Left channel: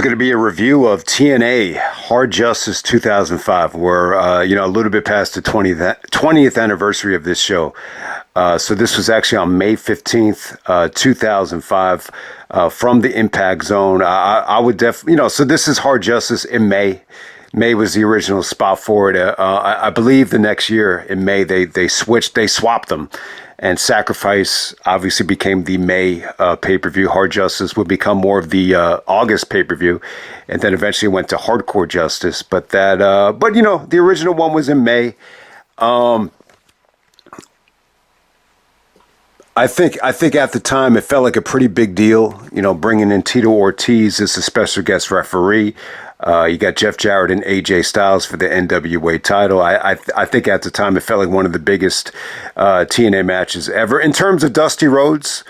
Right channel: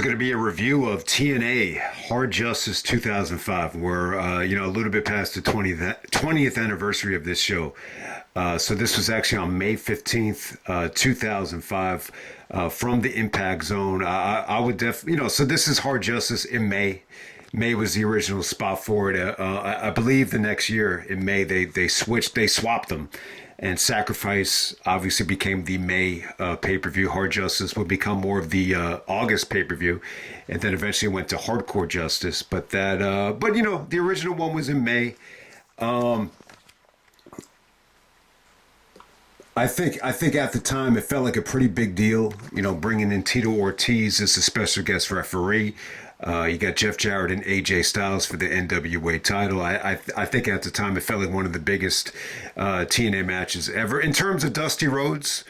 is going to be a review of TNA Hard Justice 2005. We're, a little bit past the 20th anniversary of this show. So this was actually on May 15th, 2005, from the Impact Zone. I would definitely, so this is Hard Justice in May. May was the original spot for it. I believe the next year in May, they swapped them. And Sacrifice obviously became the May pay-per-view. Hard Justice would become more of the August pay-per-view, and then eventually went to Hardcore Justice. But the original one was in May. I think at the time it felt like a pretty big deal. Bringing in Tito Ortiz as a special guest referee. You got Jeff Jarrett and AJ Styles for the NWA title. I think at the time it felt like one of the biggest TNA matches ever. In terms of Dusty Rhodes,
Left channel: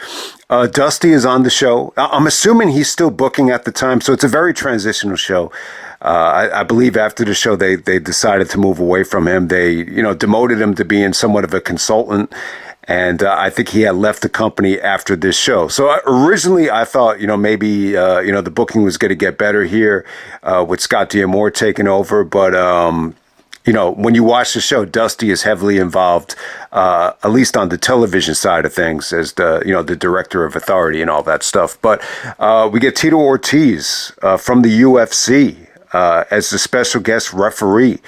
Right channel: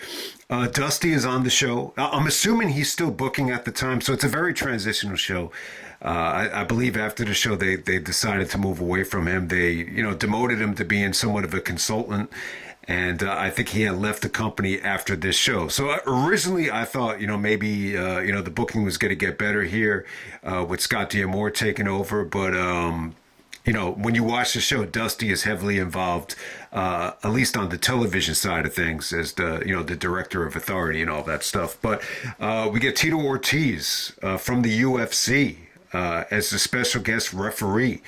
Dusty is on the show. I'm assuming he's still booking at the time, so it's a very transitional show. I believe after the show they decided to move away from him. They demoted him to being somewhat of a consultant. And I think he had left the company after this show. So originally I thought, maybe, the booking was going to get better here with Scott D'Amore taking over. But, when you watch the show, Dusty is heavily involved, at least on the television side of things, as the director of Authority and all that stuff. But we get Tito Ortiz from the UFC. As the special guest referee,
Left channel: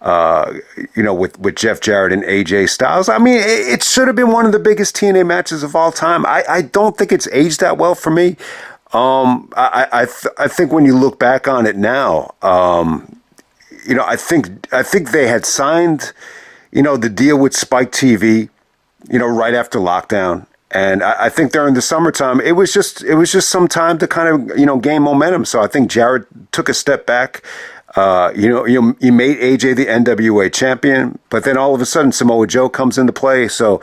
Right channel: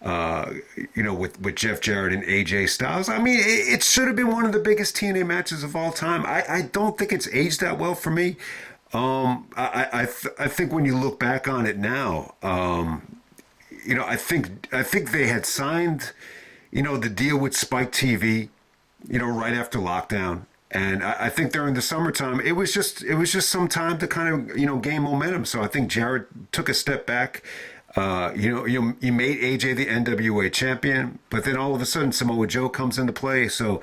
with Jeff Jarrett and AJ Styles. I mean, it should have been one of the biggest TNA matches of all time. I don't think it's aged that well for me. I think when you look back on it now, I think they had signed, the deal with Spike TV, right after lockdown. And I think during the summertime, it was just some time to kind of, gain momentum. So I think Jarrett took a step back. He made AJ the NWA champion, but then all of a sudden Samoa Joe comes into play. So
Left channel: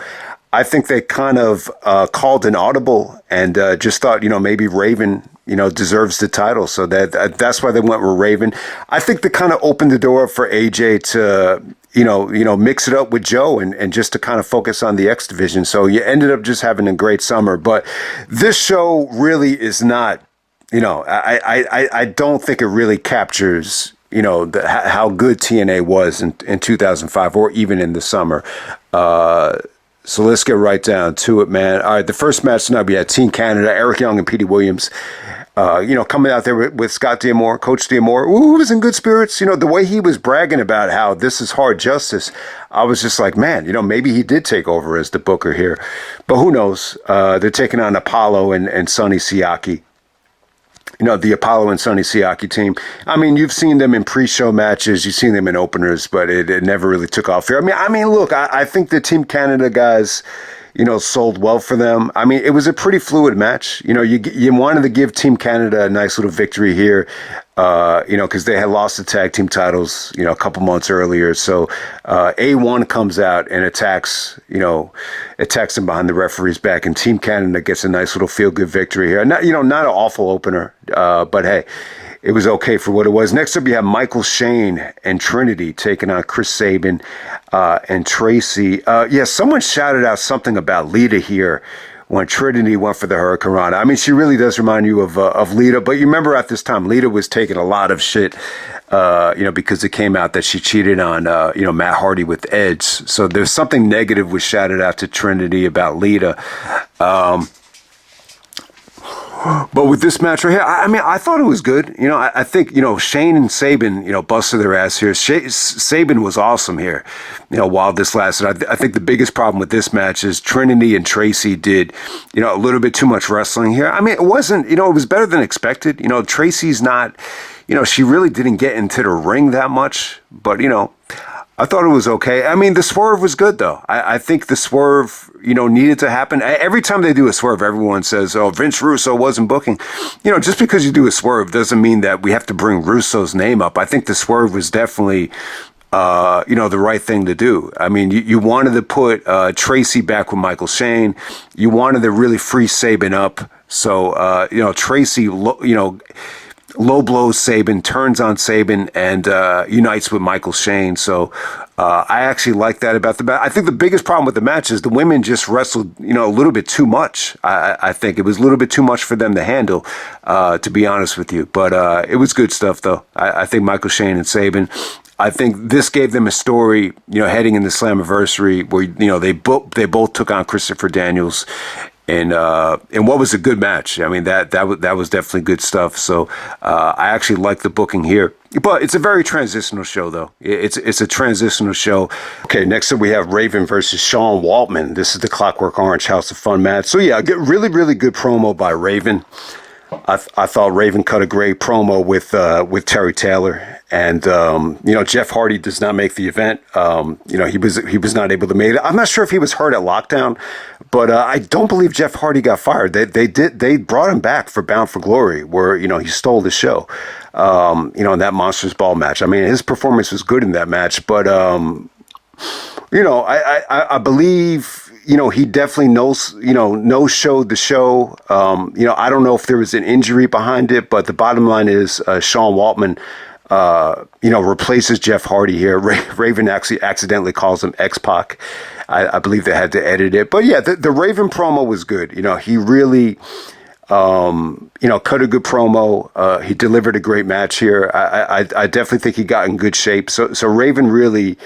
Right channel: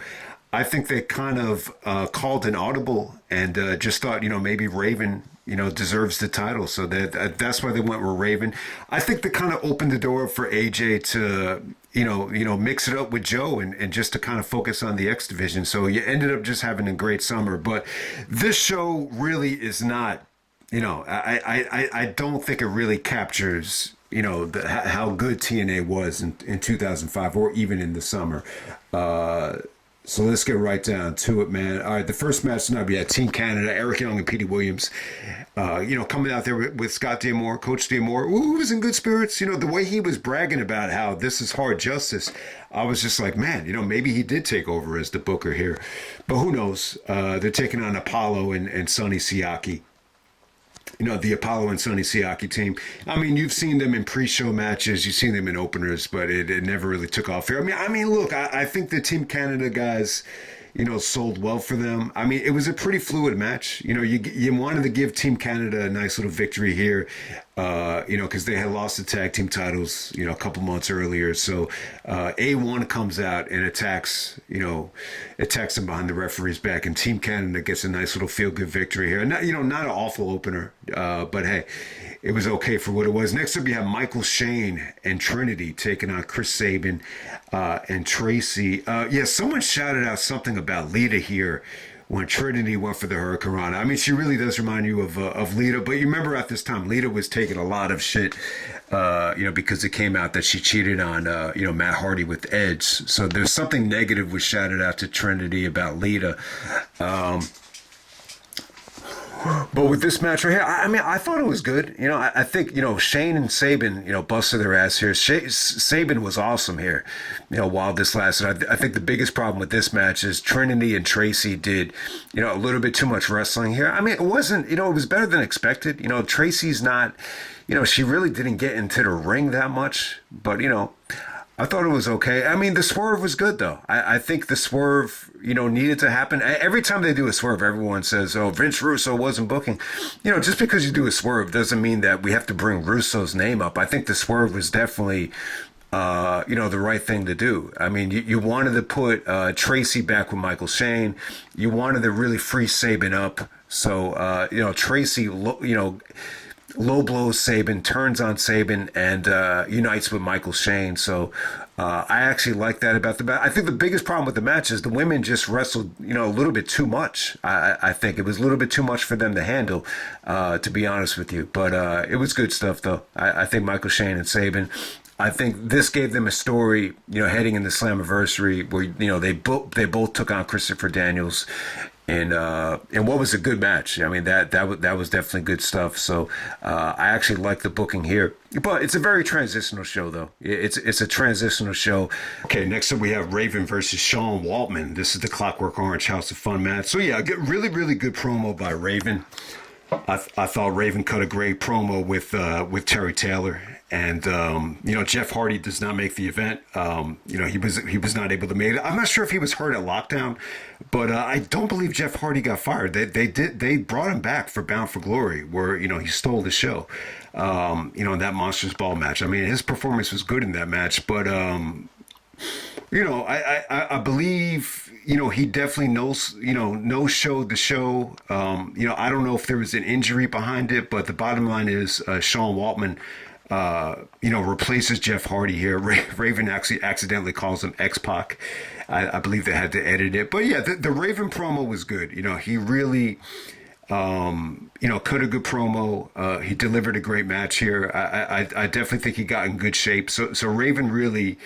I think they kind of called an audible and just thought, maybe Raven, deserves the title. So that's why they went with Raven. I think they kind of opened the door for AJ to, mix it up with Joe and just to kind of focus on the X division. So you ended up just having a great summer. But this show really is not, I don't think it really captures, how good TNA was in 2005 or even in the summer. So let's get right down to it, man. All right, the first match tonight, we had Team Canada, Eric Young and Petey Williams, coming out there with Scott D'Amore, Coach D'Amore, who was in good spirits. The way he was bragging about how this is Hard Justice, I was just like, man, maybe he did take over as the booker here. But who knows? They're taking on Apollo and Sonny Siaki. The Apollo and Sonny Siaki team. I mean, you've seen them in pre-show matches, you've seen them in openers, but it never really took off here. I mean, look, I think the Team Canada guys, sold well for them. I mean, it was a pretty fluid match. You wanted to give Team Canada a nice little victory here, because they had lost the tag team titles, a couple months earlier. So A1 comes out and attacks them behind the referee's back, and Team Canada gets a nice little feel-good victory here. Not an awful opener, but hey, it was okay for what it was. Next up, you have Michael Shane and Trinity taking on Chris Sabin and Traci. Someone shouted out something about Lita here when Trinity went for the Hurricane Rana. I mean, she really does remind you of Lita, but you remember at this time, Lita was taking a lot of shit, because it came out that she cheated on, Matt Hardy with Edge. So there's something negative was shouted out to Trinity about Lita. But with this match right here, I thought it was good. I think, Shane and Sabin, busted their ass here. Sabin was awesome here, while this lasted. I think the biggest problem with this match is Trinity and Traci did, a little bit too much wrestling here. I mean, it wasn't, it was better than expected. Traci's not, she really didn't get into the ring that much, but, I thought it was okay. I mean, the swerve was good, though. I think the swerve, needed to happen. Every time they do a swerve, everyone says, oh, Vince Russo wasn't booking. Just because you do a swerve doesn't mean that we have to bring Russo's name up. I think the swerve was definitely, the right thing to do. I mean, you wanted to put Traci back with Michael Shane. You wanted to really free Sabin up. So, Traci, low blows Sabin, turns on Sabin, and unites with Michael Shane. So I actually like that about the match. I think the biggest problem with the match is the women just wrestled, a little bit too much. I think it was a little bit too much for them to handle, to be honest with you. But it was good stuff, though. I think Michael Shane and Sabin. I think this gave them a story, heading into Slammiversary where, they both took on Christopher Daniels. And what was a good match. I mean, that was definitely good stuff. So I actually like the booking here. But it's a very transitional show, though. It's a transitional show. Okay, next up we have Raven versus Sean Waltman. This is the Clockwork Orange House of Fun match. So yeah, really, really good promo by Raven. I thought Raven cut a great promo with Terry Taylor. And, Jeff Hardy does not make the event. He was not able to make it. I'm not sure if he was hurt at Lockdown, but I don't believe Jeff Hardy got fired. They brought him back for Bound for Glory, where, he stole the show, in that Monsters Ball match. I mean, his performance was good in that match, but, I believe, he definitely no-showed the show. I don't know if there was an injury behind it, but the bottom line is Sean Waltman, replaces Jeff Hardy here. Raven actually accidentally calls him X-Pac. I believe they had to edit it. But yeah, the Raven promo was good. He really, cut a good promo. He delivered a great match here. I definitely think he got in good shape. So Raven really,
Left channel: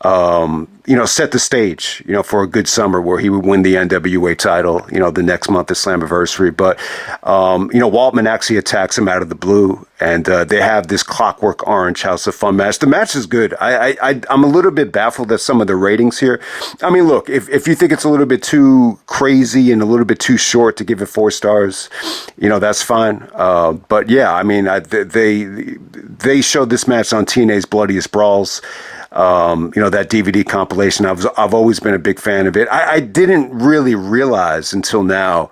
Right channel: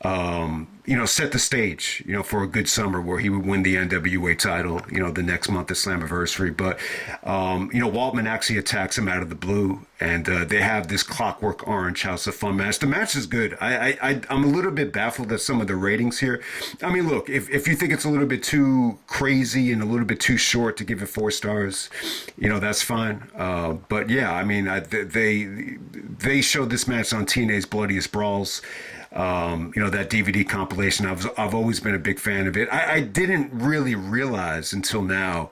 set the stage, for a good summer where he would win the NWA title, the next month at Slammiversary. But, Waltman actually attacks him out of the blue, and they have this Clockwork Orange House of Fun match. The match is good. I'm a little bit baffled at some of the ratings here. I mean, look, if you think it's a little bit too crazy and a little bit too short to give it 4 stars, that's fine. But yeah, I mean, they showed this match on TNA's Bloodiest Brawls. That DVD compilation. I've always been a big fan of it. I didn't really realize until now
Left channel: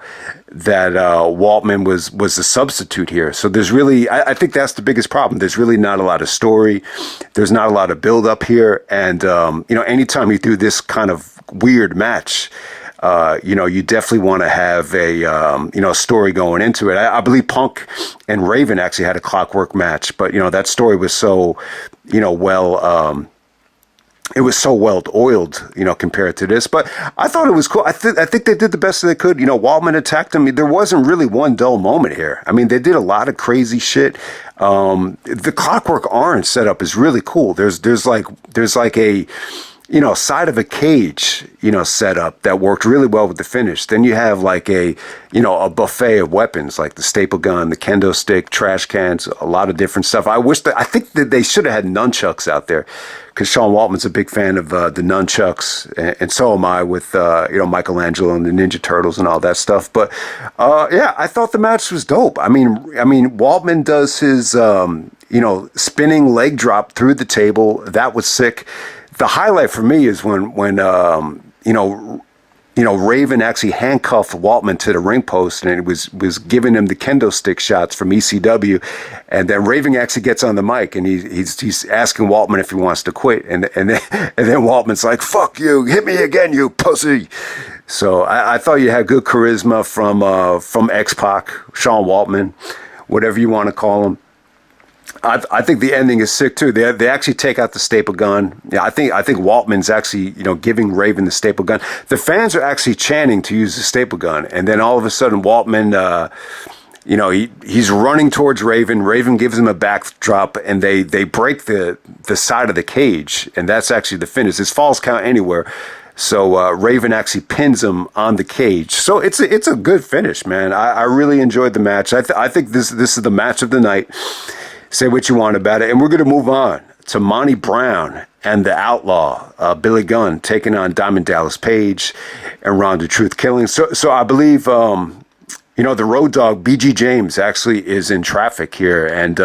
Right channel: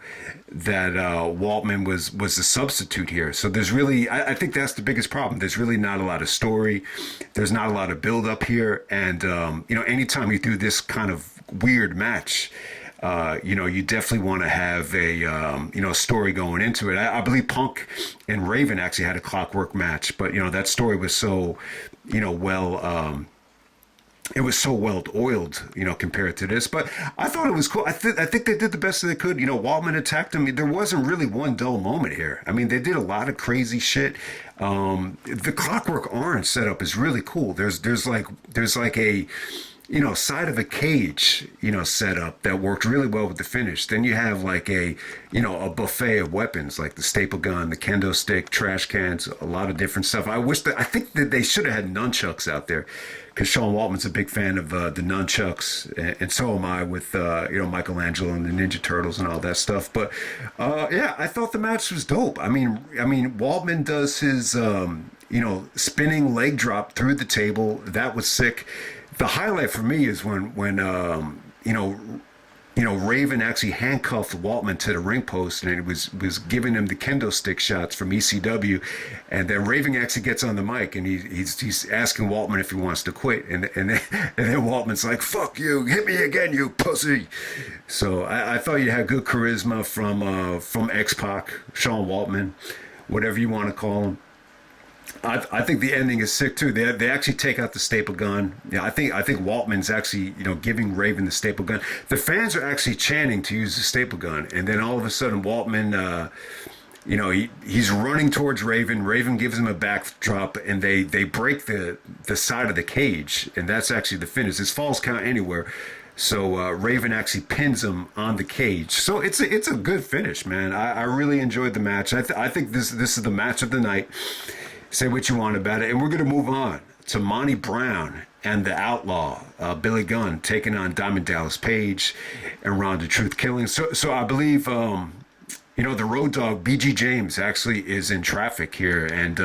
that Waltman was a substitute here. So there's really, I think that's the biggest problem. There's really not a lot of story. There's not a lot of build up here. And, anytime you do this kind of weird match, you definitely want to have a story going into it. I believe Punk and Raven actually had a Clockwork match, but, that story was so, it was so well oiled, compared to this. But I thought it was cool. I think they did the best they could. Waltman attacked him. There wasn't really one dull moment here. I mean, they did a lot of crazy shit. The Clockwork Orange setup is really cool. There's like a side of a cage, setup that worked really well with the finish. Then you have like a buffet of weapons, like the staple gun, the kendo stick, trash cans, a lot of different stuff. I think that they should have had nunchucks out there, because Sean Waltman's a big fan of the nunchucks, and so am I with Michelangelo and the Ninja Turtles and all that stuff. But yeah, I thought the match was dope. I mean, Waltman does his spinning leg drop through the table. That was sick. The highlight for me is when Raven actually handcuffed Waltman to the ring post, and it was giving him the kendo stick shots from ECW, and then Raven actually gets on the mic and he's asking Waltman if he wants to quit, and then Waltman's like, "Fuck you, hit me again, you pussy." So I thought you had good charisma from X-Pac, Sean Waltman, whatever you want to call him. I think the ending is sick too. They actually take out the staple gun. Yeah, I think Waltman's actually giving Raven the staple gun. The fans are actually chanting to use the staple gun, and then all of a sudden Waltman, he's running towards Raven. Raven gives him a backdrop, and they break the side of the cage, and that's actually the finish. It's falls count anywhere. So Raven actually pins him on the cage. So it's a good finish, man. I really enjoyed the match. I think this is the match of the night. Say what you want about it. And we're going to move on to Monty Brown and the Outlaw, Billy Gunn, taking on Diamond Dallas Page and Ronda Truth Killing. So I believe, the Road Dogg, BG James, actually is in traffic here. And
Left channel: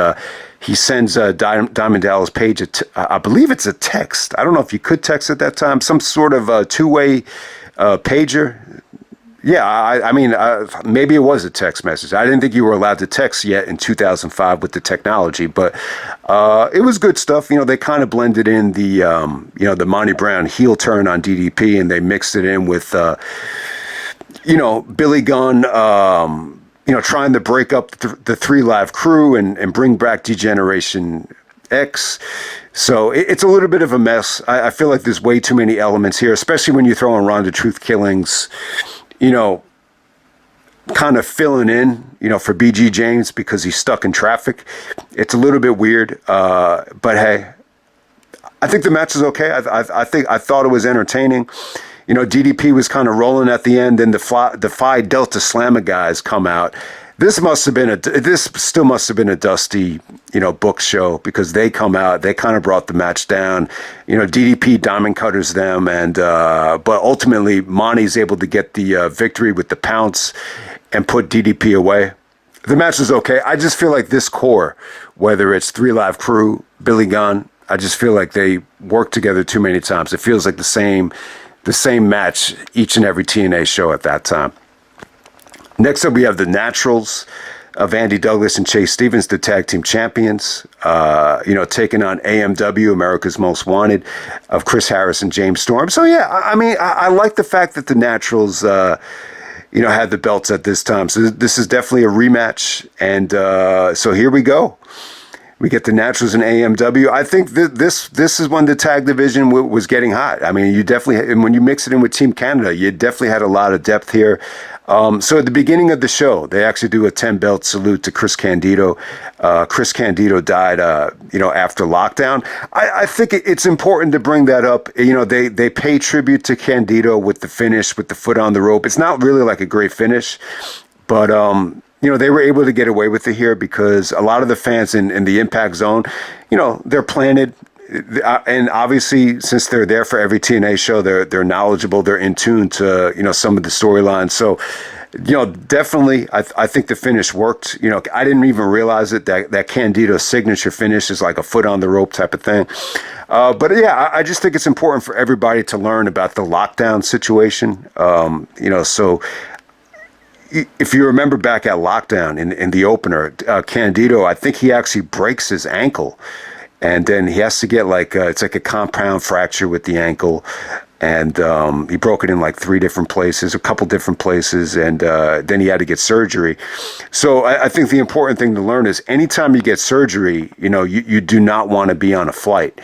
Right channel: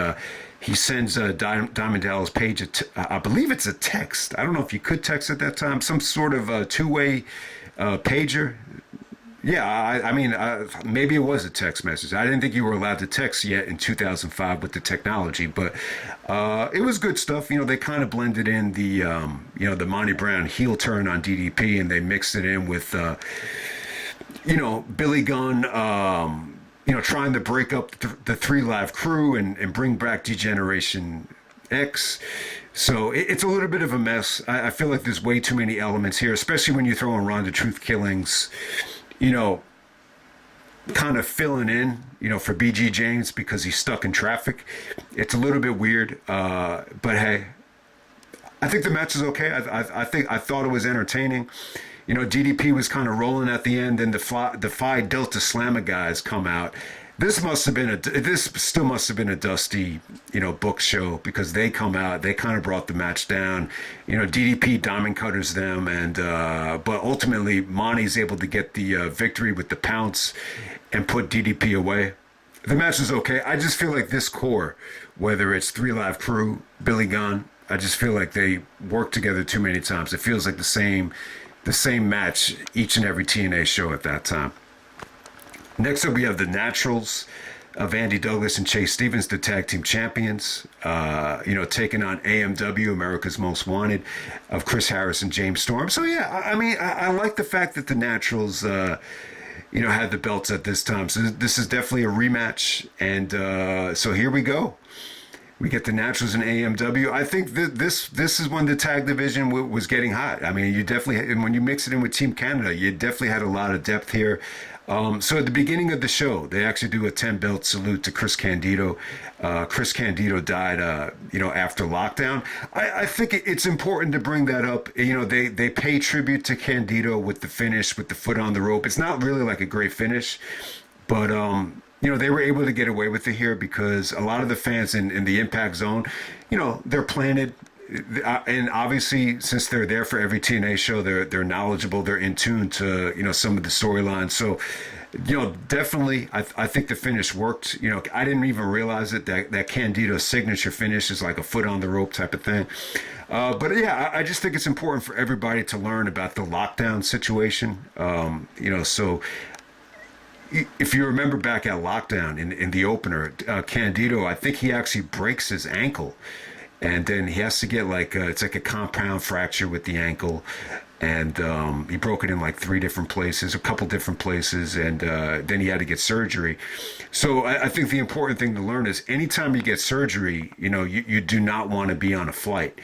he sends Diamond Dallas Page, I believe it's a text. I don't know if you could text at that time. Some sort of two-way pager. Yeah, I mean, maybe it was a text message. I didn't think you were allowed to text yet in 2005 with the technology, but it was good stuff. They kind of blended in the Monty Brown heel turn on DDP, and they mixed it in with, Billy Gunn, trying to break up the Three Live Crew and bring back Degeneration X. So it's a little bit of a mess. I feel like there's way too many elements here, especially when you throw in Ronda Truth Killings, kind of filling in, for BG James because he's stuck in traffic. It's a little bit weird, but hey, I think the match is okay. I thought it was entertaining. DDP was kind of rolling at the end, and the Phi Delta Slammer guys come out. This still must have been a dusty, book show because they come out, they kind of brought the match down. DDP diamond cutters them, and but ultimately Monty's able to get the victory with the pounce and put DDP away. The match is okay. I just feel like this core, whether it's Three Live Crew, Billy Gunn, I just feel like they work together too many times. It feels like the same match each and every TNA show at that time. Next up, we have the Naturals of Andy Douglas and Chase Stevens, the tag team champions, taking on AMW, America's Most Wanted, of Chris Harris and James Storm. So, yeah, I like the fact that the Naturals, had the belts at this time. So this is definitely a rematch. And so here we go. We get the Naturals and AMW. I think this is when the tag division was getting hot. I mean, you definitely, and when you mix it in with Team Canada, you definitely had a lot of depth here. So at the beginning of the show, they actually do a 10-belt salute to Chris Candido. Chris Candido died, after lockdown. I think it's important to bring that up. They pay tribute to Candido with the finish, with the foot on the rope. It's not really like a great finish, but they were able to get away with it here because a lot of the fans in the Impact Zone, they're planted. And obviously, since they're there for every TNA show, they're knowledgeable. They're in tune to some of the storylines. So, definitely, I think the finish worked. I didn't even realize it that Candido's signature finish is like a foot on the rope type of thing. But yeah, I just think it's important for everybody to learn about the lockdown situation. So if you remember back at lockdown in the opener, Candido, I think he actually breaks his ankle. And then he has to get it's like a compound fracture with the ankle. And he broke it in like 3 different places, a couple different places. And then he had to get surgery. So I think the important thing to learn is anytime you get surgery, you do not want to be on a flight,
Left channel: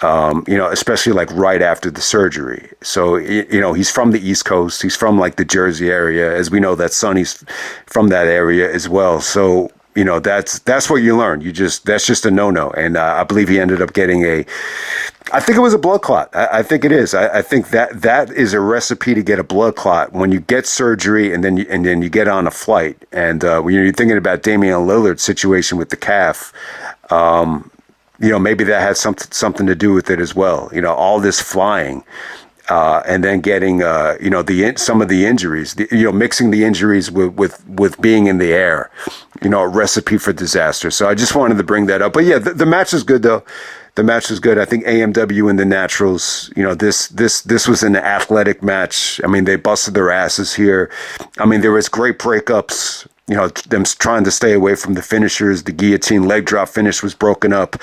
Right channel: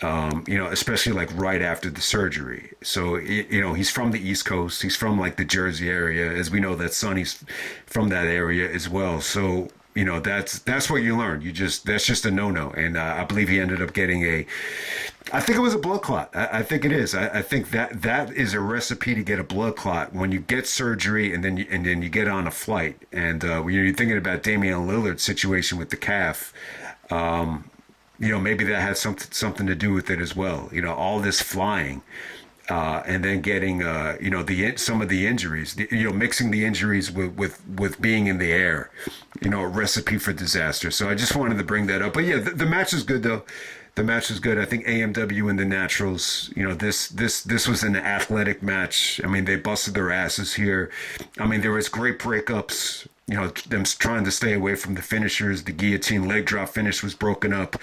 especially like right after the surgery. So, he's from the East Coast. He's from like the Jersey area. As we know that Sonny's from that area as well. So, that's what you learn. That's just a no-no. And I believe he ended up getting I think it was a blood clot. I think it is. I think that is a recipe to get a blood clot when you get surgery and then you get on a flight. And when you're thinking about Damian Lillard's situation with the calf, maybe that had something to do with it as well. All this flying. And then getting, some of the injuries, mixing the injuries with being in the air, a recipe for disaster. So I just wanted to bring that up. But yeah, the match is good though. The match is good. I think AMW and the Naturals, this was an athletic match. I mean, they busted their asses here. I mean, there was great breakups. Them trying to stay away from the finishers. The guillotine leg drop finish was broken up.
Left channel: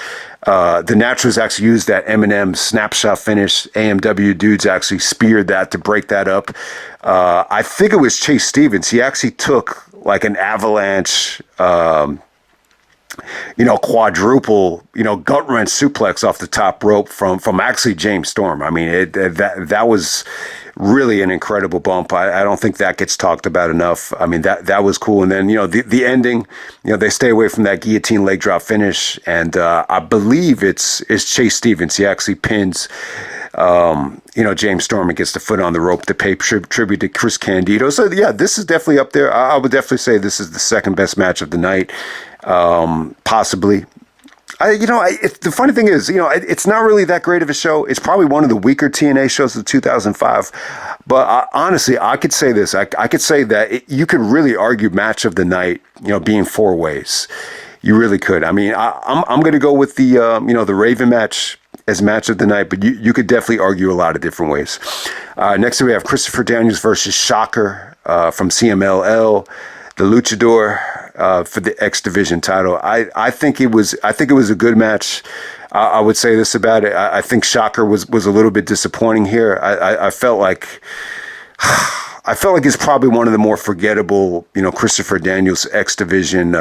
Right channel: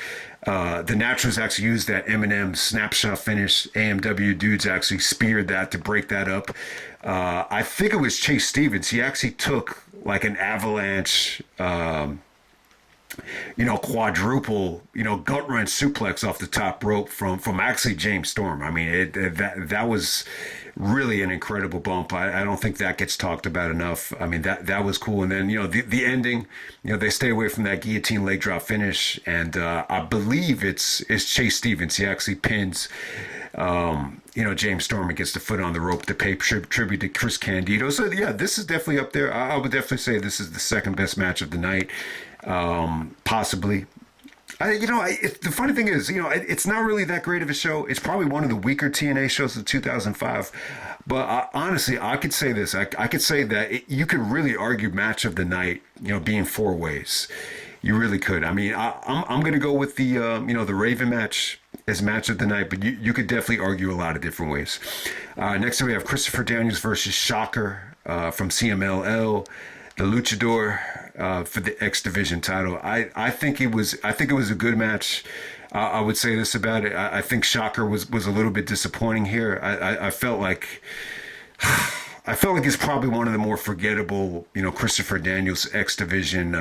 The Naturals actually used that Eminem snapshot finish. AMW dudes actually speared that to break that up. I think it was Chase Stevens. He actually took like an avalanche, quadruple, gut wrench suplex off the top rope from actually James Storm. I mean, that was really an incredible bump. I don't think that gets talked about enough. I mean, that was cool. And then, the ending, they stay away from that guillotine leg drop finish. And I believe it's Chase Stevens. He actually pins, James Storm and gets the foot on the rope to pay tribute to Chris Candido. So, yeah, this is definitely up there. I would definitely say this is the second best match of the night, possibly. The funny thing is, it's not really that great of a show. It's probably one of the weaker TNA shows of 2005. But honestly, I could say this. I could say that you could really argue match of the night, being 4 ways. You really could. I mean, I'm going to go with the Raven match as match of the night, but you could definitely argue a lot of different ways. Next we have Christopher Daniels versus Shocker from CMLL, the Luchador. For the X Division title. I think it was a good match. I would say this about it. I think Shocker was a little bit disappointing here. I felt like I felt like it's probably one of the more forgettable, Christopher Daniels X Division,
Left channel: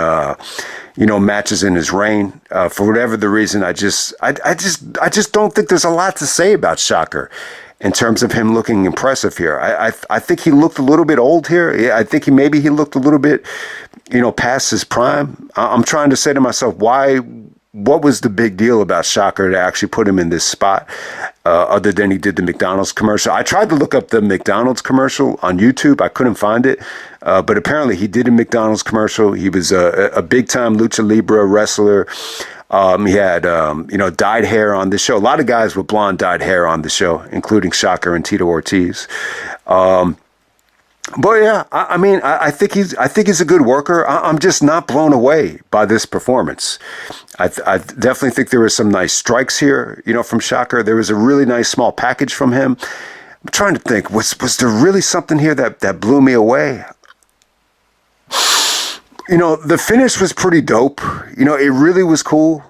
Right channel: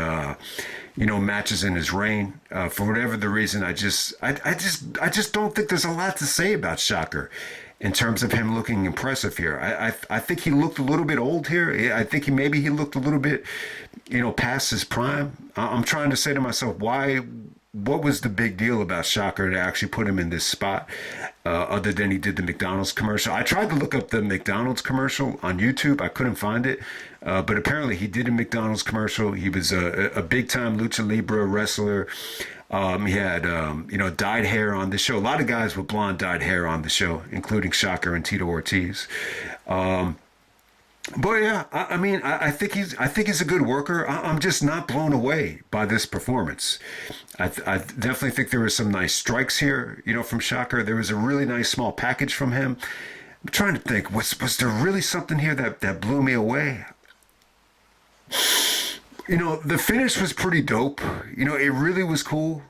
matches in his reign. For whatever the reason, I just don't think there's a lot to say about Shocker in terms of him looking impressive here. I think he looked a little bit old here. I think he looked a little bit, past his prime. I'm trying to say to myself, what was the big deal about Shocker to actually put him in this spot, other than he did the McDonald's commercial? I tried to look up the McDonald's commercial on YouTube. I couldn't find it. But apparently he did a McDonald's commercial. He was a big-time lucha libre wrestler. He had, dyed hair on the show. A lot of guys with blonde dyed hair on the show, including Shocker and Tito Ortiz. But yeah, I think he's a good worker. I'm just not blown away by this performance. I definitely think there were some nice strikes here, from Shocker. There was a really nice small package from him. I'm trying to think, was there really something here that blew me away? The finish was pretty dope. It really was cool.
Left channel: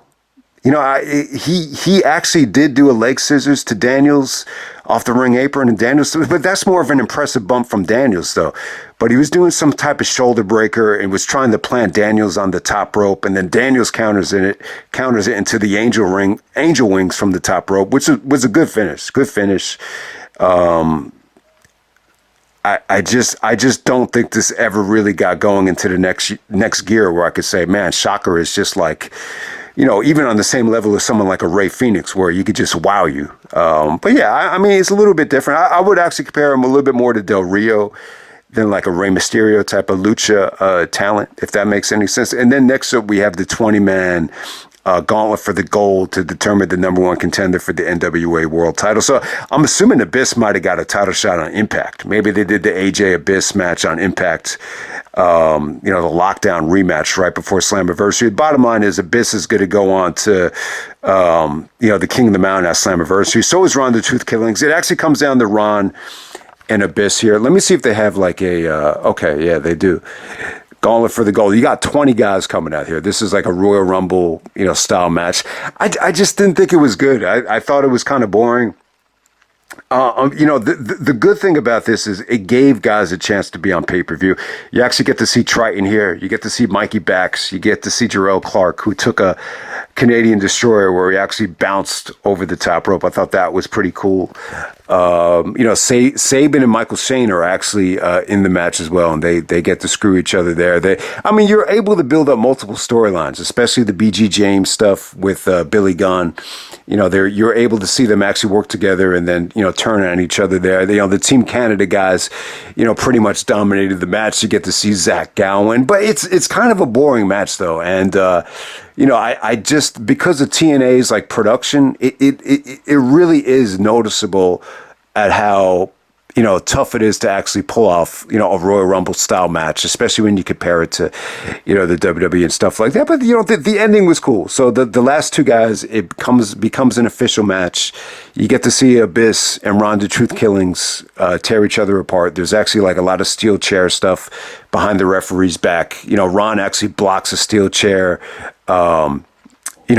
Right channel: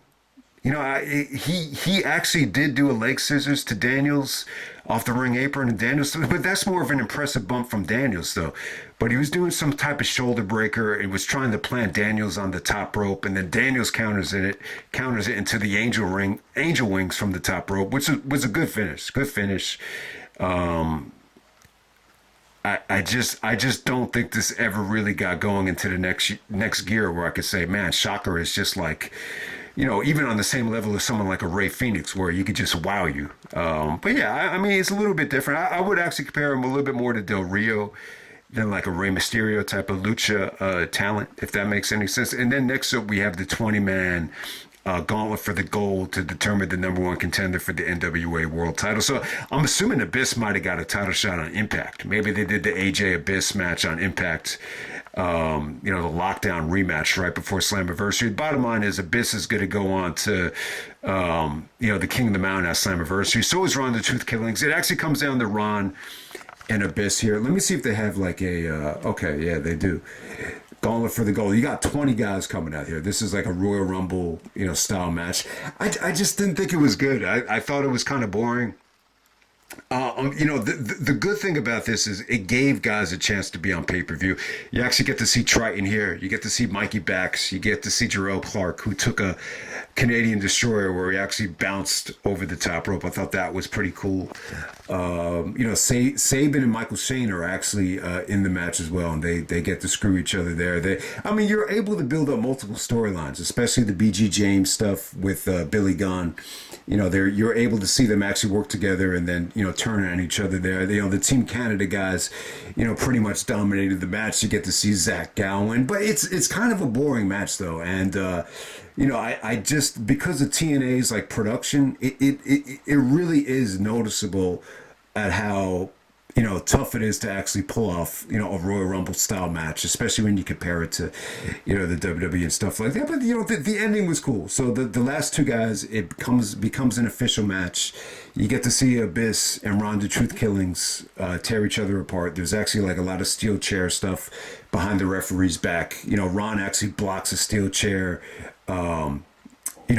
He actually did do a leg scissors to Daniels off the ring apron, and Daniels, but that's more of an impressive bump from Daniels, though. But he was doing some type of shoulder breaker and was trying to plant Daniels on the top rope, and then Daniels counters it into the angel wings from the top rope, which was a good finish. Good finish. I just don't think this ever really got going into the next gear where I could say, man, Shocker is just like, even on the same level as someone like a Rey Fenix, where you could just wow you. But yeah, it's a little bit different. I would actually compare him a little bit more to Del Rio than like a Rey Mysterio type of lucha talent, if that makes any sense. And then next up, we have the 20-man gauntlet for the gold to determine the number one contender for the NWA world title. So I'm assuming Abyss might have got a title shot on Impact. Maybe they did the AJ Abyss match on Impact, the lockdown rematch right before Slammiversary. The bottom line is Abyss is going to go on to, the King of the Mountain at Slammiversary. So is Ron the Truth Killings. It actually comes down to Ron and Abyss here. Let me see if they have like okay, yeah, they do. Gauntlet for the gold. You got 20 guys coming out here. This is like a Royal Rumble, style match. I just didn't think it was good. I thought it was kind of boring. The good thing about this is it gave guys a chance to be on pay-per-view. You actually get to see Triton here. You get to see Mikey Bax. You get to see Jarrell Clark, who took a Canadian Destroyer where he actually bounced over the top rope. I thought that was pretty cool. Sabin and Michael Shane are actually in the match as well, and they get to screw each other there. You're able to build up multiple storylines, especially the BG James stuff with Billy Gunn. You're able to see them actually work together and then, turn on each other there. The Team Canada guys, pretty much dominated the match. You get to see Zach Gowen, but it's kind of a boring match though. And, I just, because of TNA's like production, it really is noticeable at how, tough it is to actually pull off, a Royal Rumble style match, especially when you compare it to, the WWE and stuff like that. But, the ending was cool. So the last two guys, it becomes an official match. You get to see Abyss and Ron the Truth Killings tear each other apart. There's actually like a lot of steel chair stuff behind the referee's back. Ron actually blocks a steel chair,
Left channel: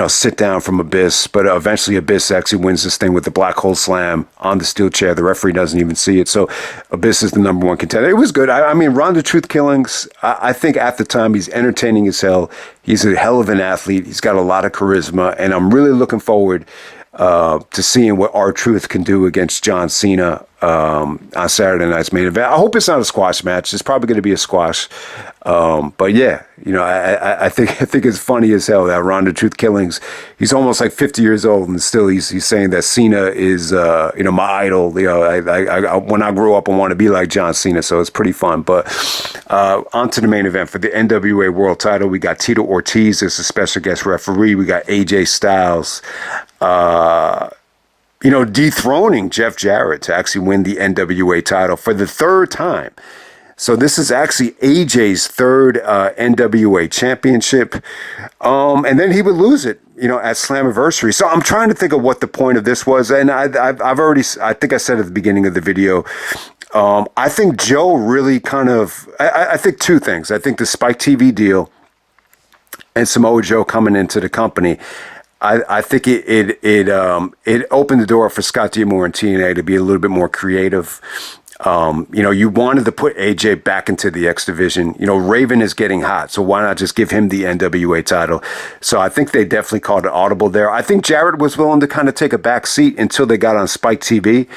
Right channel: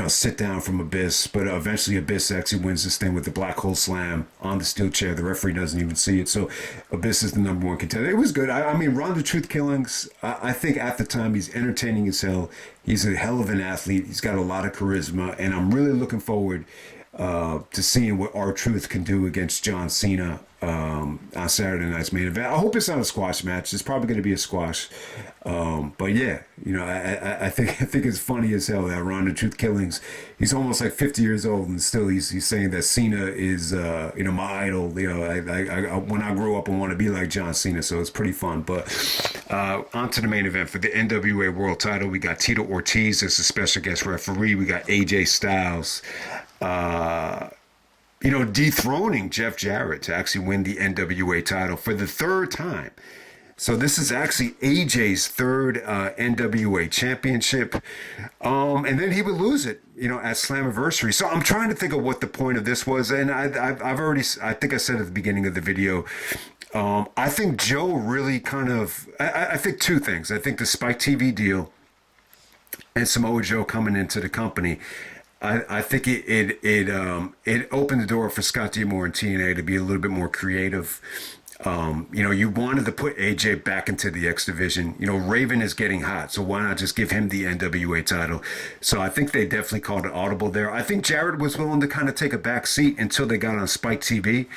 sit down from Abyss, but eventually Abyss actually wins this thing with the black hole slam on the steel chair. The referee doesn't even see it. So Abyss is the number one contender. It was good. Ron the Truth Killings, I think at the time he's entertaining as hell. He's a hell of an athlete. He's got a lot of charisma, and I'm really looking forward to seeing what R-Truth can do against John Cena on Saturday night's main event. I hope it's not a squash match. It's probably going to be a squash. But yeah, I think it's funny as hell that Ron the Truth Killings, he's almost like 50 years old and still he's saying that Cena is my idol. I when I grow up I want to be like John Cena, so it's pretty fun. But on to the main event for the NWA World Title. We got Tito Ortiz as a special guest referee. We got AJ Styles dethroning Jeff Jarrett to actually win the NWA title for the third time. So this is actually AJ's third NWA championship. And then he would lose it, at Slammiversary. So I'm trying to think of what the point of this was. And I think I said at the beginning of the video, I think Joe really I think two things. I think the Spike TV deal and Samoa Joe coming into the company, I think it opened the door for Scott D'Amore and TNA to be a little bit more creative. You wanted to put AJ back into the X division. Raven is getting hot, so why not just give him the NWA title? So I think they definitely called it audible there. I think Jarrett was willing to kind of take a back seat until they got on Spike TV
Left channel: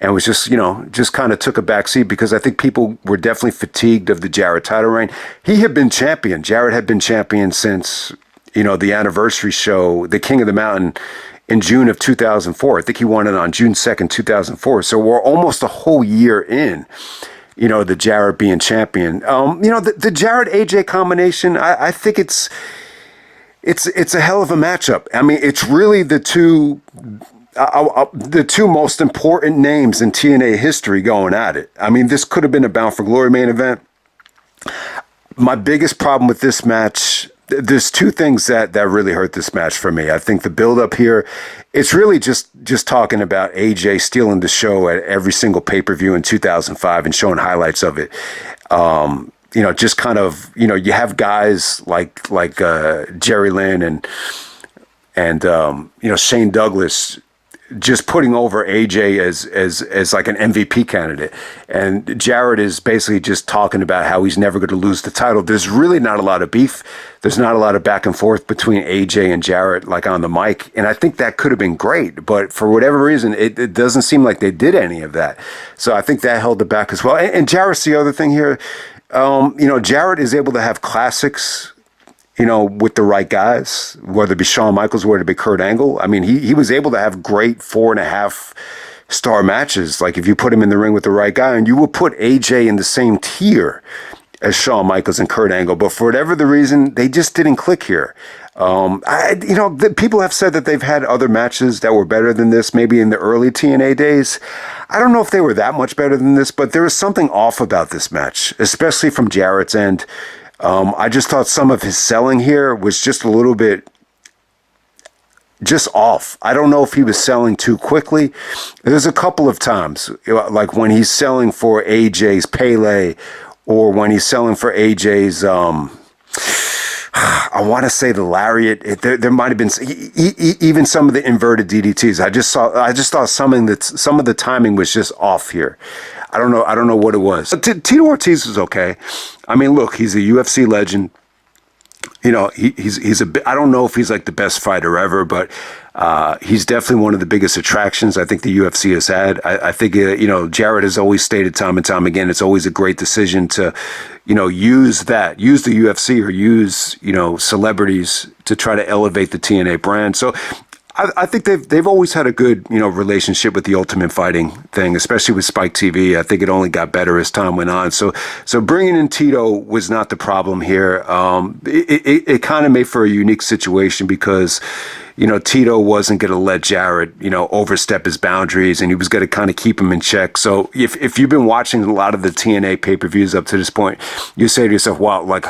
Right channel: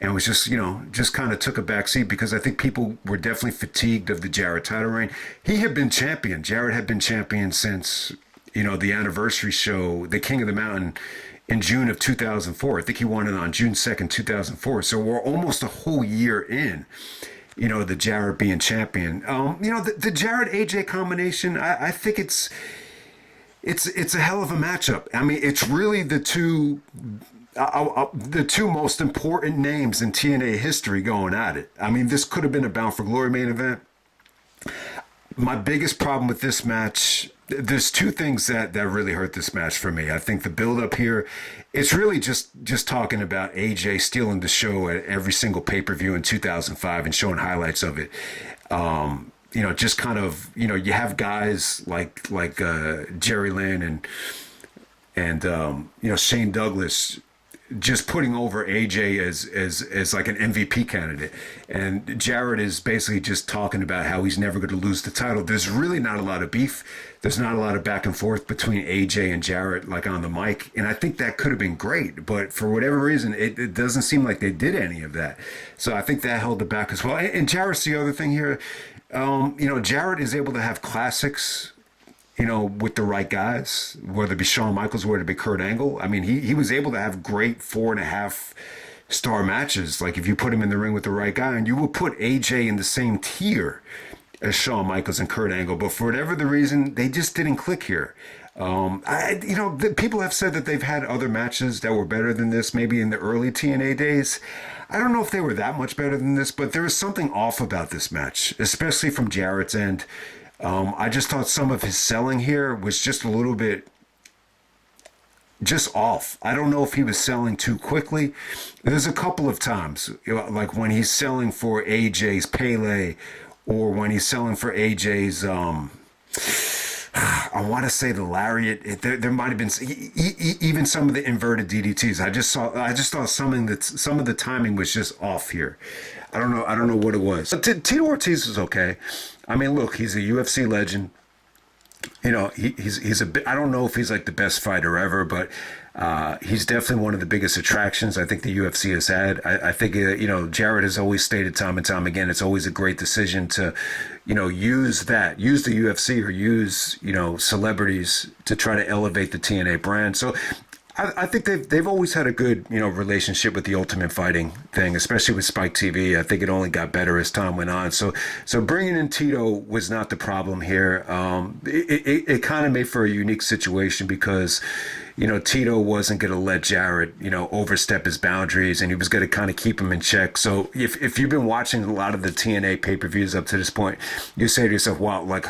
and was just kind of took a back seat because I think people were definitely fatigued of the Jarrett title reign. He had been champion. Jarrett had been champion since, the anniversary show, the King of the Mountain, in June of 2004. I think he won it on June 2nd, 2004. So we're almost a whole year in, the Jarrett being champion. The Jarrett AJ combination, I think it's a hell of a matchup. I mean, it's really the two most important names in TNA history going at it. I mean, this could have been a Bound for Glory main event. My biggest problem with this match, there's two things that really hurt this match for me. I think the build-up here, it's really just talking about AJ stealing the show at every single pay-per-view in 2005 and showing highlights of it. Just kind of, you have guys like Jerry Lynn and Shane Douglas just putting over AJ as like an MVP candidate. And Jarrett is basically just talking about how he's never going to lose the title. There's really not a lot of beef. There's not a lot of back and forth between AJ and Jarrett, like on the mic. And I think that could have been great. But for whatever reason, it doesn't seem like they did any of that. So I think that held it back as well. And Jarrett's the other thing here. Jarrett is able to have classics, with the right guys, whether it be Shawn Michaels, whether it be Kurt Angle. I mean, he was able to have great 4.5-star matches. Like if you put him in the ring with the right guy, and you will put AJ in the same tier as Shawn Michaels and Kurt Angle. But for whatever the reason, they just didn't click here. People have said that they've had other matches that were better than this, maybe in the early TNA days. I don't know if they were that much better than this, but there was something off about this match, especially from Jarrett's end. I just thought some of his selling here was just a little bit just off. I don't know if he was selling too quickly. There's a couple of times, like when he's selling for AJ's Pele, or when he's selling for AJ's, I want to say the lariat. There might have been even some of the inverted DDTs. I just thought some of the timing was just off here. I don't know what it was. Tito Ortiz is okay. I mean, look, he's a UFC legend. He's a bit, I don't know if he's like the best fighter ever, but he's definitely one of the biggest attractions I think the UFC has had. I think, Jarrett has always stated time and time again, it's always a great decision to, use the UFC or use, celebrities to try to elevate the TNA brand. So I think they've always had a good, relationship with the Ultimate Fighting thing, especially with Spike TV. I think it only got better as time went on. So bringing in Tito was not the problem here. It kind of made for a unique situation because, Tito wasn't going to let Jarrett, overstep his boundaries, and he was going to kind of keep him in check. So if you've been watching a lot of the TNA pay-per-views up to this point, you say to yourself, wow, like,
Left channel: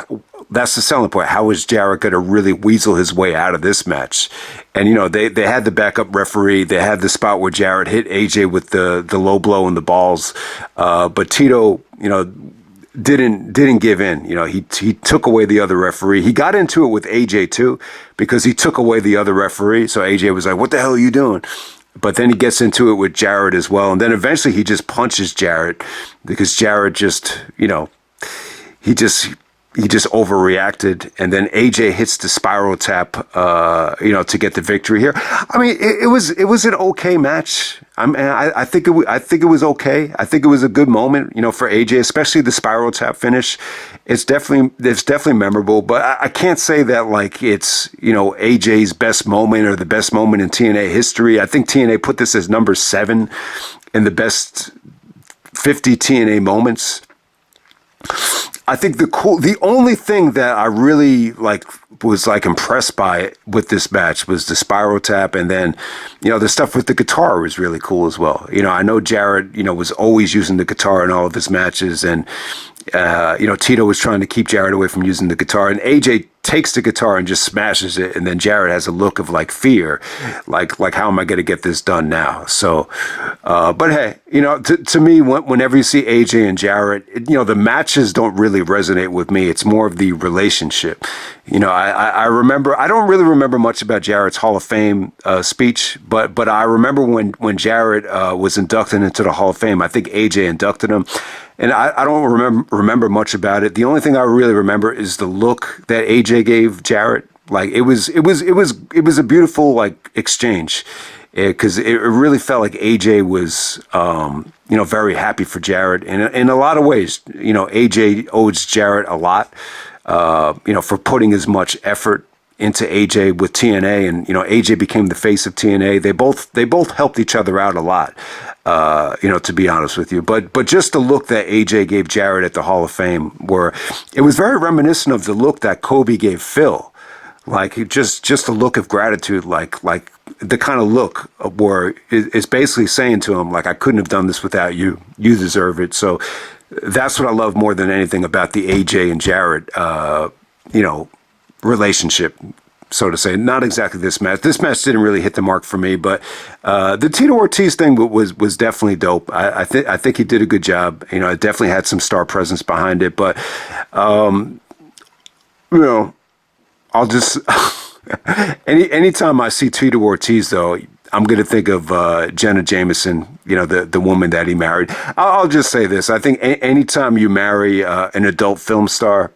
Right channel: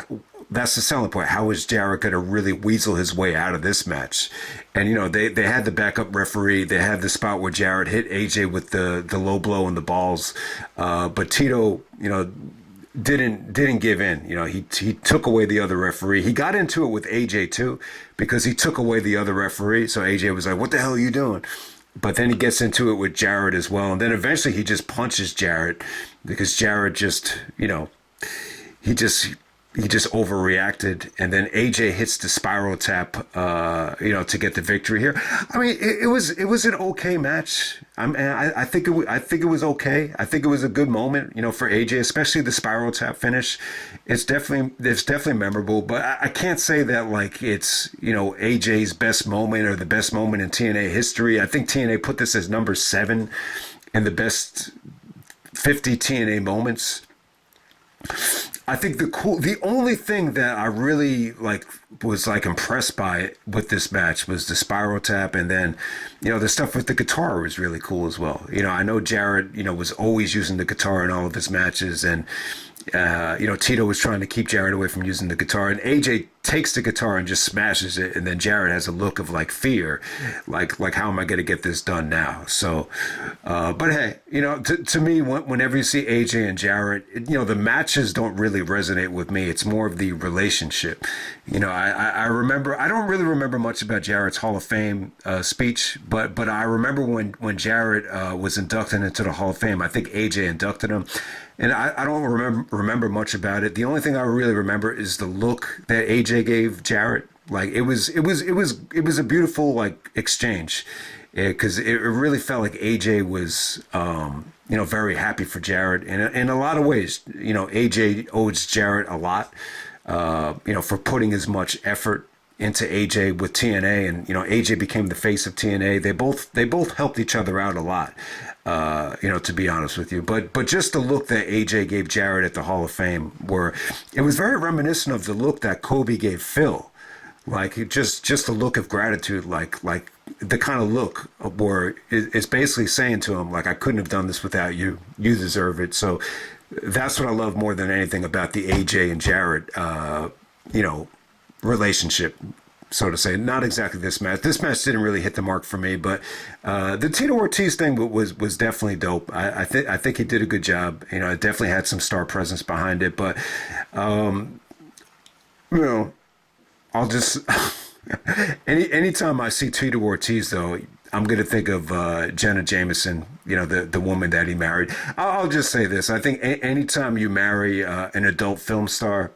that's the selling point. How is Jarrett going to really weasel his way out of this match? And, they had the backup referee. They had the spot where Jarrett hit AJ with the low blow in the balls. But Tito, didn't give in. He took away the other referee. He got into it with AJ too, because he took away the other referee. So AJ was like, what the hell are you doing? But then he gets into it with Jarrett as well. And then eventually he just punches Jarrett because Jarrett just, he just overreacted, and then AJ hits the spiral tap, to get the victory here. I mean, it was an okay match. I think it was okay. I think it was a good moment, for AJ, especially the spiral tap finish. It's definitely memorable, but I can't say that like it's, AJ's best moment or the best moment in TNA history. I think TNA put this as number 7 in the best 50 TNA moments. I think the only thing that I really was impressed by with this match was the spiral tap, and then, the stuff with the guitar was really cool as well. I know Jarrett, was always using the guitar in all of his matches, and, Tito was trying to keep Jarrett away from using the guitar, and AJ takes the guitar and just smashes it, and then Jarrett has a look of like fear, like how am I going to get this done now? So, but hey, to me, whenever you see AJ and Jarrett, the matches don't really resonate with me. It's more of the relationship. I remember, I don't really remember much about Jarrett's Hall of Fame speech, but I remember when Jarrett was inducted into the Hall of Fame. I think AJ inducted him. And I don't remember much about it. The only thing I really remember is the look that AJ gave Jarrett. Like it was a beautiful like exchange, because it really felt like AJ was very happy for Jarrett. And in a lot of ways, AJ owes Jarrett a lot, for putting as much effort into AJ with TNA, and AJ became the face of TNA. They both helped each other out a lot. To be honest with you, but just the look that AJ gave Jarrett at the Hall of Fame, where it was very reminiscent of the look that Kobe gave Phil, like just a look of gratitude, like the kind of look where it's basically saying to him, like, I couldn't have done this without you. You deserve it. So that's what I love more than anything about the AJ and Jarrett, relationship, so to say. Not exactly this match. This match didn't really hit the mark for me, but the Tito Ortiz thing was definitely dope. I think he did a good job. It definitely had some star presence behind it, but I'll just anytime I see Tito Ortiz, though, I'm going to think of Jenna Jameson, the woman that he married. I'll just say this. I think anytime you marry an adult film star,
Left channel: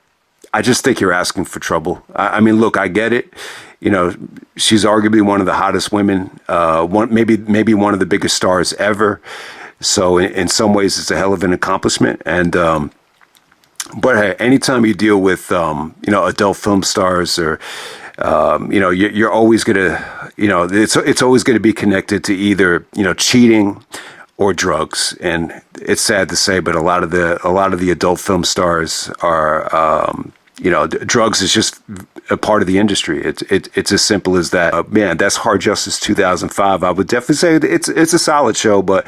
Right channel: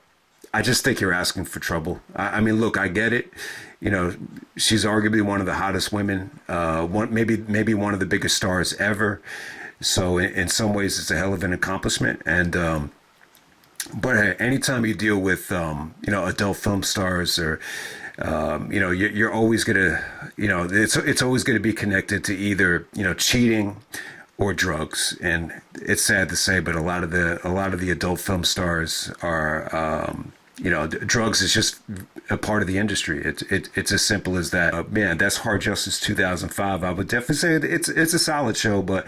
I just think you're asking for trouble. I mean, look, I get it. She's arguably one of the hottest women, maybe one of the biggest stars ever. So in some ways, it's a hell of an accomplishment. And but hey, anytime you deal with adult film stars, or you're always gonna it's always going to be connected to either cheating or drugs. And it's sad to say, but a lot of the adult film stars are drugs is just a part of the industry. It's as simple as that. Man, that's Hard Justice 2005. I would definitely say it's a solid show, but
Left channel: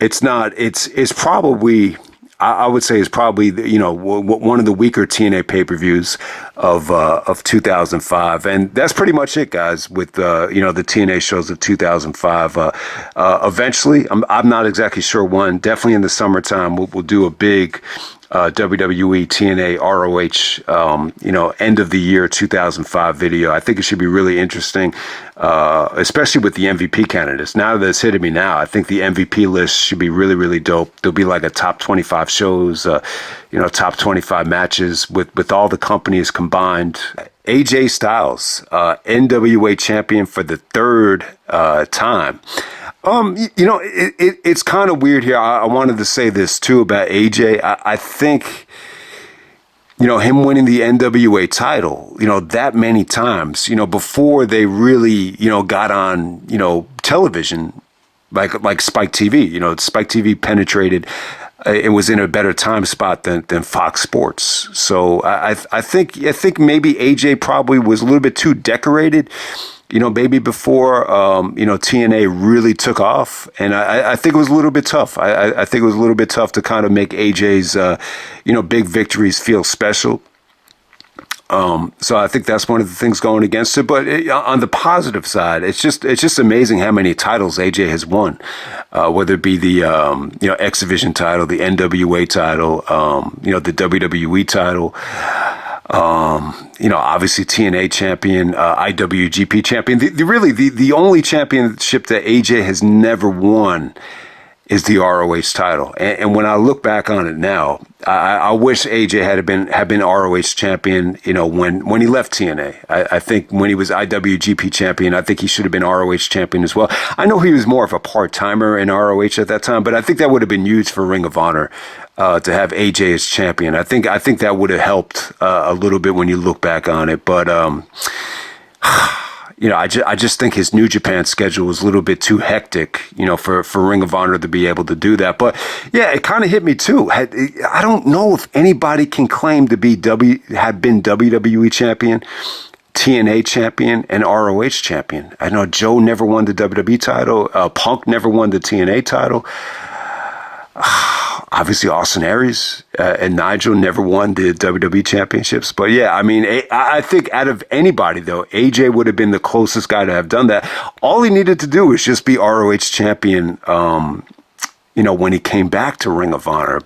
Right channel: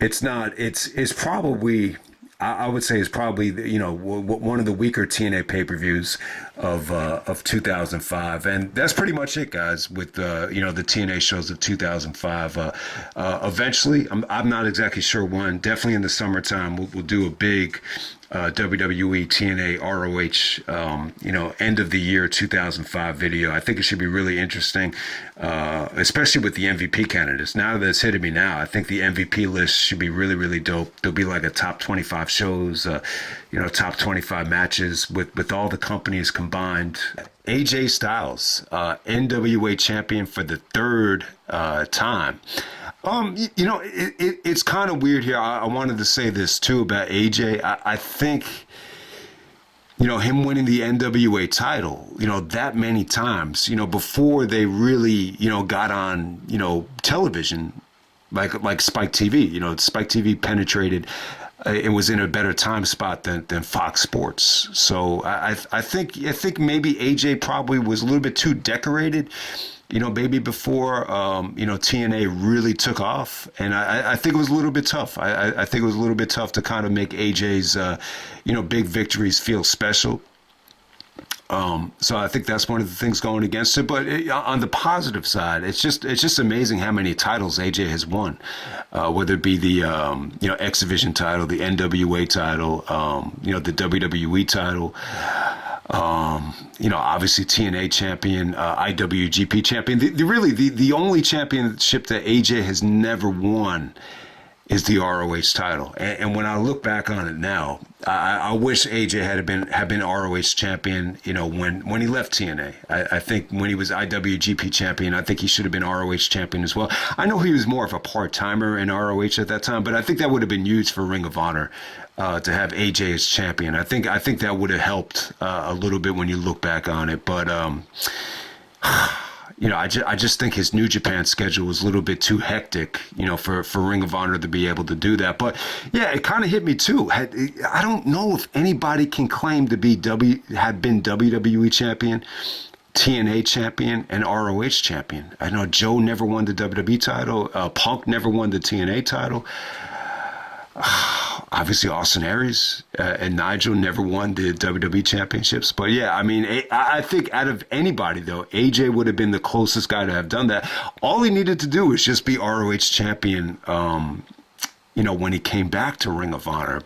it's not. It's probably, I would say, it's probably one of the weaker TNA pay-per-views of 2005, and that's pretty much it, guys. With the TNA shows of 2005. Eventually, I'm not exactly sure when. Definitely in the summertime, we'll do a big WWE TNA ROH end of the year 2005 video. I think it should be really interesting, especially with the MVP candidates. Now that it's hitting me now, I think the MVP list should be really, really dope. There'll be like a top 25 shows, top 25 matches with all the companies combined. AJ Styles, NWA champion for the third time. It's kind of weird here. I wanted to say this too about AJ. I think, him winning the NWA title, that many times, before they really, got on, television, like Spike TV. Spike TV penetrated. It was in a better time spot than Fox Sports. So I think maybe AJ probably was a little bit too decorated, maybe before, TNA really took off. And I think it was a little bit tough. I think it was a little bit tough to kind of make AJ's, big victories feel special. So I think that's one of the things going against it. But on the positive side, it's just amazing how many titles AJ has won, whether it be the X Division title, the NWA title, the WWE title. Obviously TNA champion, IWGP champion. The only championship that AJ has never won is the ROH title. And when I look back on it now, I wish AJ had been ROH champion, when he left TNA. I think when he was IWGP champion, I think he should have been ROH champion as well. I know he was more of a part-timer in ROH at that time, but I think that would have been huge for Ring of Honor. To have AJ as champion. I think that would have helped a little bit when you look back on it. But I just think his New Japan schedule was a little bit too hectic, for Ring of Honor to be able to do that. But yeah, it kind of hit me too. I don't know if anybody can claim to have been WWE champion, TNA champion, and ROH champion. I know Joe never won the WWE title. Punk never won the TNA title. Obviously, Austin Aries and Nigel never won the WWE championships. But yeah, I mean, I think out of anybody, though, AJ would have been the closest guy to have done that. All he needed to do was just be ROH champion, when he came back to Ring of Honor.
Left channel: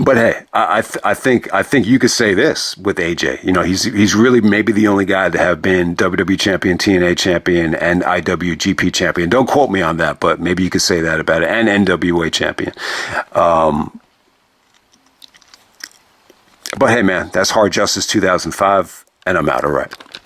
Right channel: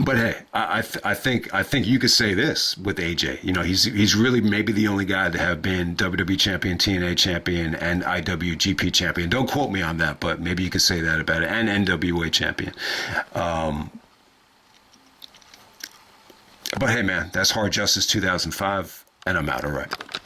But hey, I think you could say this with AJ. He's really maybe the only guy to have been WWE champion, TNA champion, and IWGP champion. Don't quote me on that, but maybe you could say that about it. And NWA champion. But hey, man, that's Hard Justice 2005, and I'm out. All right.